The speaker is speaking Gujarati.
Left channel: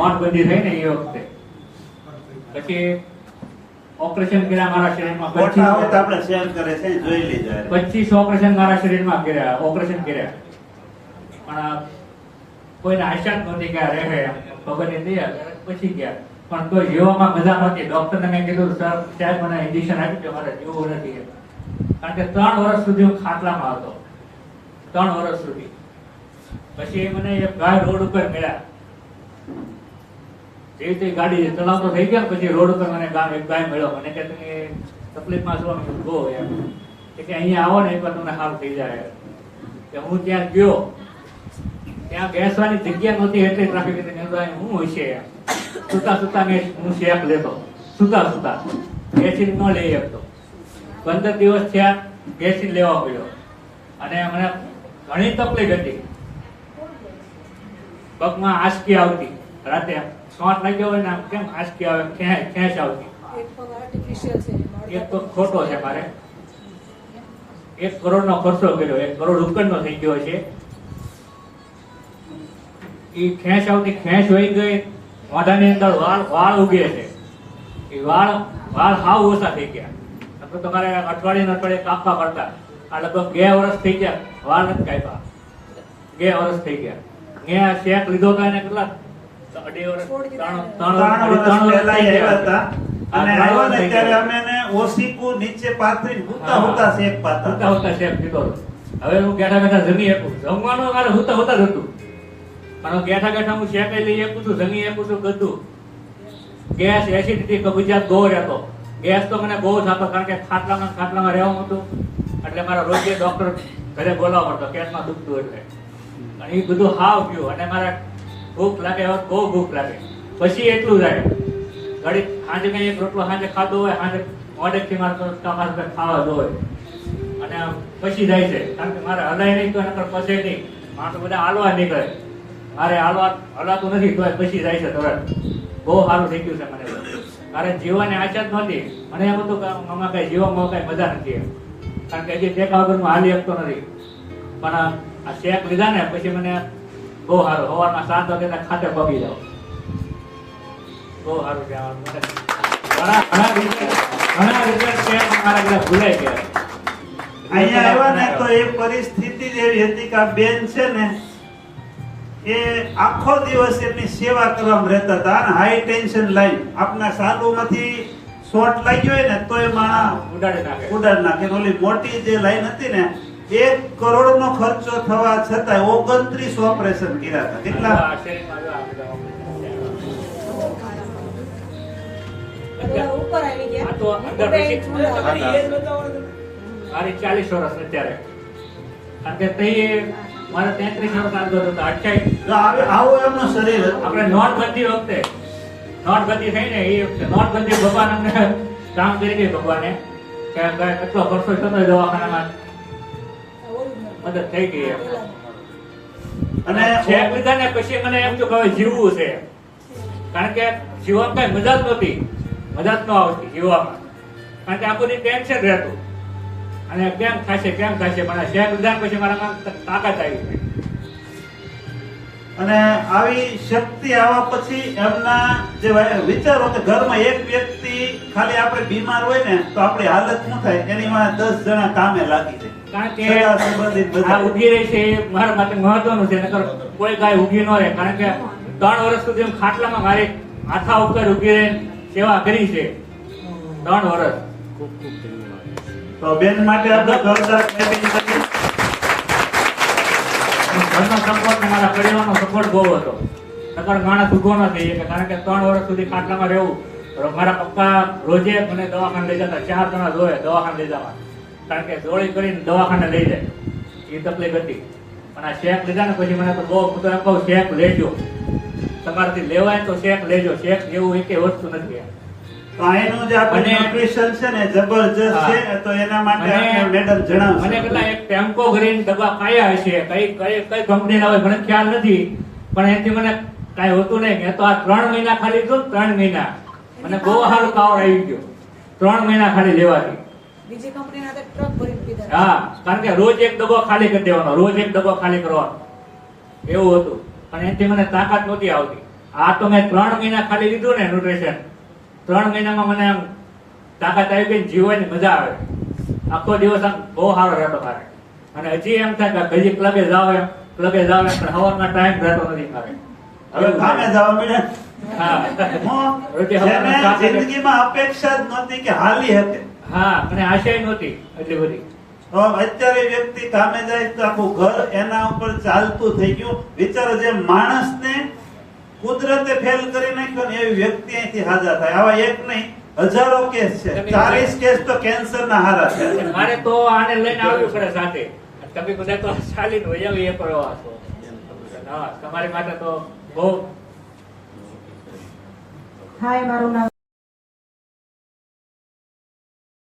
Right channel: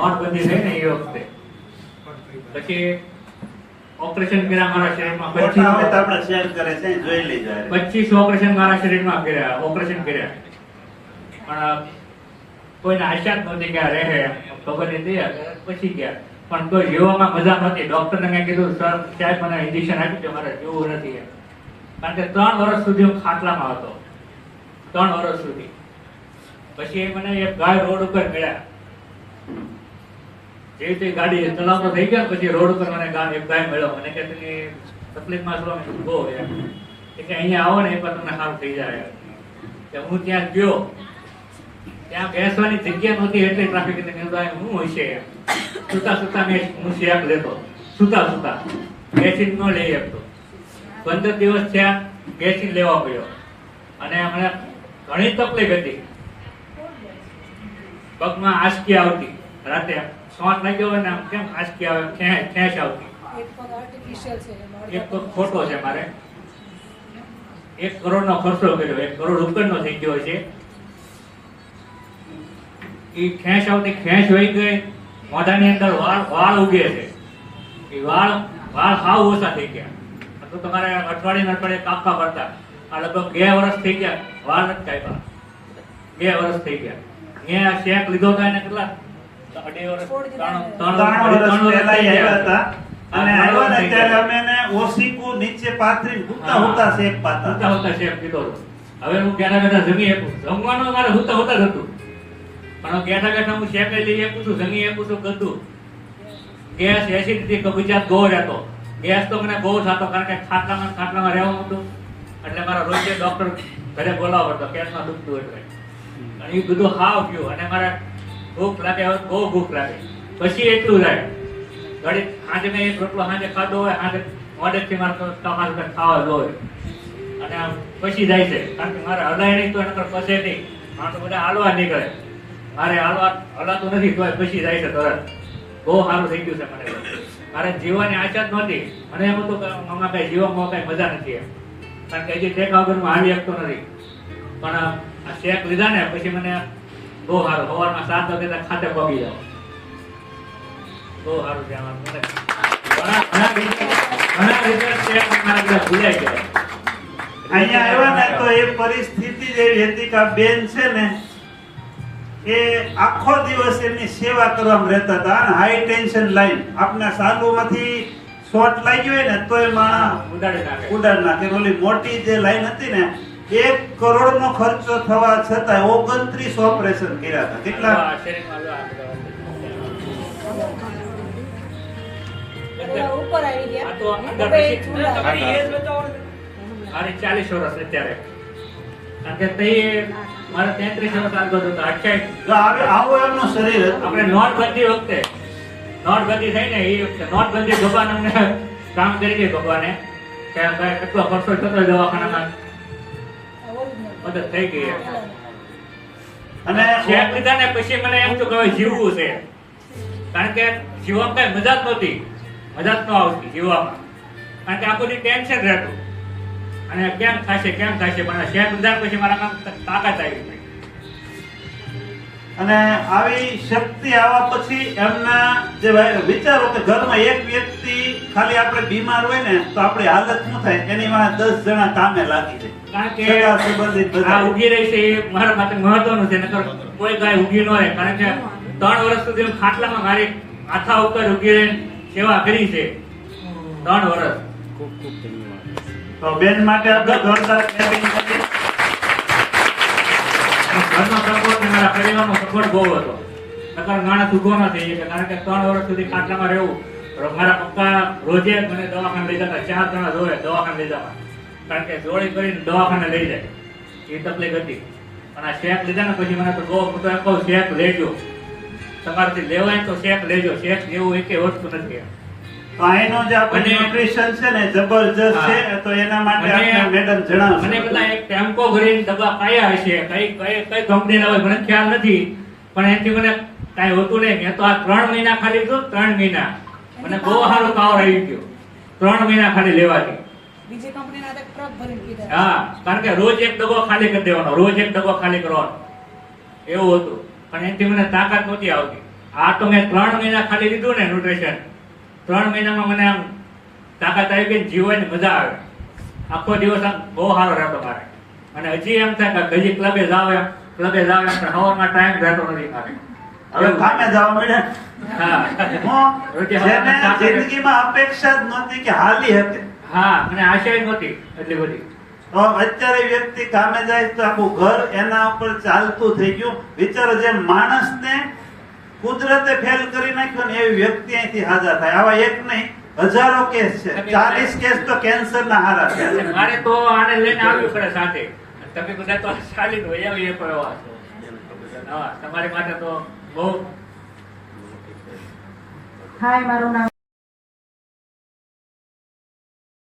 નોટબંધી થઈ ને એ વખતે પછી ઓપરેશન કર્યા મારા શરીરમાં ફોટા હોય તો આપણે શેર કરે છે જોઈ લીધા 25 ઓપરેશન મારા શરીરમાં કર્યા ઓપરેશન કર્યા પણ કોઈને આશા જ નહોતી કે આ રહે ભગવાનની દયા પછી ગયા પણ તો જીવવામાં મજા નહોતી ડોક્ટરને મેં કીધું સર સાહેબ મને ઇન્જેક્શન આપ્યું કે મારે જીવવું નથી કારણ કે 3 વર્ષ સુધી હું ખાટલામાં હતો 3 વર્ષ સુધી પછી મને એક ગાય રોડ ઉપર મળ્યા જે રીતે ગાડી ચલાવતો થઈ ગયો પછી રોડ ઉપર મને એક ગાય મળ્યો મને કે તમે તકલીફમાં છો મેં કીધું ગો કે અહીંયા આવો ને એકવાર તમને સારું થઈ જાય કે હું ત્યાં ગયો ત્યાં બેસવાની જગ્યા નહોતી એટલે ટ્રાફિક હું હશે સુતા મેં હું શેક લેતો સુતા બેસીને ન લઈ શકતો 15 દિવસ થયા બેસીને લેવા પડ્યો અને મને ઘણી તકલીફ હતી પગમાં આંચકી આવતી રાતે શોટ લાગ્યો હોય ને કેમ આંચકી આવે ખેંચ આવતી એક તો ખોટો છે મારે 1 કરોડનો ખર્ચો કર્યો 1 કરોડ રૂપિયાનો થઈ ગયો છે એ ખેંચ આવતી ખેંચ વહી ગઈ મોઢાની અંદર વાળ ઉગે છે એ વાળ હાવ ઓછા થઈ ગયા તો તમારે અઠવાડિયે કાપવા પડતા આ લગભગ 2 વર્ષ થઈ ગયા વાળ નથી કાપ્યા 2 વર્ષ થઈ ગયા મેં શેક લીધો તો એને કેટલા 2.5 વર્ષ 3 વર્ષ અને આવ્યો ને ત્યારે અમે એને ઓસીકુ નીચે પાથરીને હુતા શેક પાતા શેક લીધો હવે હું બેઠા જમી શકું જમવાનું મારે હુતા જ હતું પણ બેઠા હું શેક લઈ શકું છું જમી શકું છું બધું ગેસ એસિડિટી કબજિયાત બહુ રહેતો ગેસ તો મને બહુ થતો કારણ કે ખાટલામાં રહેવું હતું એટલે મારા રોજે ડોક્ટર ઘરે બોલાવવો પડતો પેટમાં દુખતું એટલે અને એ બધું હાવ ગયું અને મારે ભૂખ લાગે બહુ ભૂખ લાગે પછી એટલું જાય ઘડી સાંજે મેં એક રોટલો સાંજે ખાધો હોય સાંજે ઓર્ડરથી મારે ખાવા જોઈએ અને પછી જાય છે કારણ કે મારે હલાય નહીં તો નકર પસે નહીં મારે તો બધા હાલવા નીકળે મારે હલાતું નથી તો પછી જાય છે તરત બહુ સારું થઈ ગયું છે મને મારે જીવવાની આશા જ નહોતી અને એમ હતું કે આમાં કઈ જીવવામાં કઈ મજા નથી એમ કારણ કે હજી ટેકા વગર હું હાલી શકતો નથી પણ આ શેક લીધા ને પછી મને બહુ સારું સવારમાં 7 વાગે ખાતે પગી જાવ બહુ સારું છે મને ઘણા રિઝલ્ટ છે મારા બધા ભૂલાઈ ગયા અહીંયા આવ્યા ને તો એ પરિસ્થિતિ જ એવી હતી કે આ બેન છે ને એ આખો દિવસ એમની સેવા કરવામાં રહેતા હતા અને હાઈ ટેન્શન લાઈન આપના સાલુમાંથી શોર્ટ લાગ્યો હોય ને તો એમાં ઉડાડ નાખે ઓલી મોટી જે લાઈન હતી ને 1 કરોડનો ખર્ચો થવા છતાં 29 ઓપરેશન કર્યા હતા કેટલા ઉપર આવી ગયા તો અંદર મારી 40 વર્ષ અત્યારે કારણ કે તે મારે 33 વર્ષ ચાલતો હતો 28 આવો એમનું શરીર હતું આપણે નોટબંધી વખતે નોટબંધી થઈ ને એ વખતે નોટબંધી ભગવાન અમને કામ કરી ગઈ ભગવાને કે કેટલો ખર્ચો થતો દવાખાનામાં મદદ થઈ ગઈ અને શેક લીધા ને પછી મને એમ તો કહે જીવવું છે કારણ કે જીવવામાં કઈ મજા જ નહોતી મજા જ ન આવતી જીવવામાં કારણ કે આખું ટેન્શન રહેતું અને કેમ થશે પણ શેક લીધા પછી મારામાં તાકાત આવી અને આવી શક્તિ આવવા પછી એમના જે વિચારો કે ઘરમાં એક વ્યક્તિ ખાલી આપણે બીમાર હોય ને તો આપણી હાલત શું થાય એની માં 10 જણા કામે લાગી જાય કારણ કે આ ઉગી રહી છે એ મારા માટે મહત્વનું છે નકર કોઈ ગાય ઉગી ન રહે કારણ કે 3 વર્ષ સુધી ખાટલામાં મારી માથા ઉપર ઉગી રહીને સેવા કરી છે 3 વર્ષ ખૂબ તો બેન માટે આપણે ઘરદાર ઘરનો સપોર્ટ ને મારા પરિવારનો સપોર્ટ બહુ હતો નકર માણસ ઉભો નથી કારણ કે 3 વર્ષ સુધી ખાટલામાં રહેવું મારા પપ્પા રોજે મને દવાખાને લઈ જતા 4 જણા જોડે દવાખાને લઈ જવા કારણ કે જોડી કરીને દવાખાને લઈ જાય એ તકલીફ હતી અને આ શેક લીધા ને પછી મને તો બહુ એમ કહું શેક લેજો તમારાથી લેવાય તો શેક લેજો શેક જેવું એક વસ્તુ નથી આનો જે આપણે ન્યુટ્રિશન છે ને જબરજસ્ત છે તો એના માટે આપણે મેડમ જણાવશો મને કદાચ એક ટેમ્પો ભરીને દવા પાયા હશે કઈ કંપનીના હોય મને ખ્યાલ નથી પણ એથી મને કાંઈ હોતું નહીં મેં તો આ 3 મહિના ખાલી લીધું 3 મહિના મને બહુ સારો પાવર આવી ગયો 3 મહિના ખાલી લેવાથી બીજી કંપનીના તો ટ્રક ભરીને પીધા હા કારણ કે રોજ એક ડબ્બો ખાલી કરી દેવાનો રોજ એક ડબ્બો ખાલી કરવાનો એવું હતું પણ એથી મને તાકાત નહોતી આવતી આ તો મેં 3 મહિના ખાલી લીધું ને ન્યુટ્રિશન, 3 મહિનામાં મને આમ તાકાત આવી ગઈ, જીવવાની મજા આવે, આખો દિવસ આમ બહુ સારો રહેતો મારે. અને હજી એમ થાય કે હજી ક્લબે જાવ એમ પણ હવામાં ટાઈમ રહેતો નથી મારે. હવે કામે જવા મળ્યા. હા હું જેને જિંદગીમાં અપેક્ષા જ નહોતી કે હાલી હતી. હા, મને આશા નહોતી એટલી બધી. હવે અત્યારે વ્યક્તિ કામે જાય તો આખું ઘર એના ઉપર ચાલતું થઈ ગયું. વિચારો, જે માણસને કુદરતે ફેલ કરી નાખ્યો ને એવી વ્યક્તિ અહીંથી હાજર થાય. આવા એક નહીં, હજારો કેસ છે. 40 કેસ તો કેન્સરના હારા છે. મારે તો આને લઈને આવવું પડે સાથે. તમે બધા તો ચાલીને હોય એવી એક પ્રવાસ છો. હા, તમારી માટે તો બહુ. હાય, મારું નામ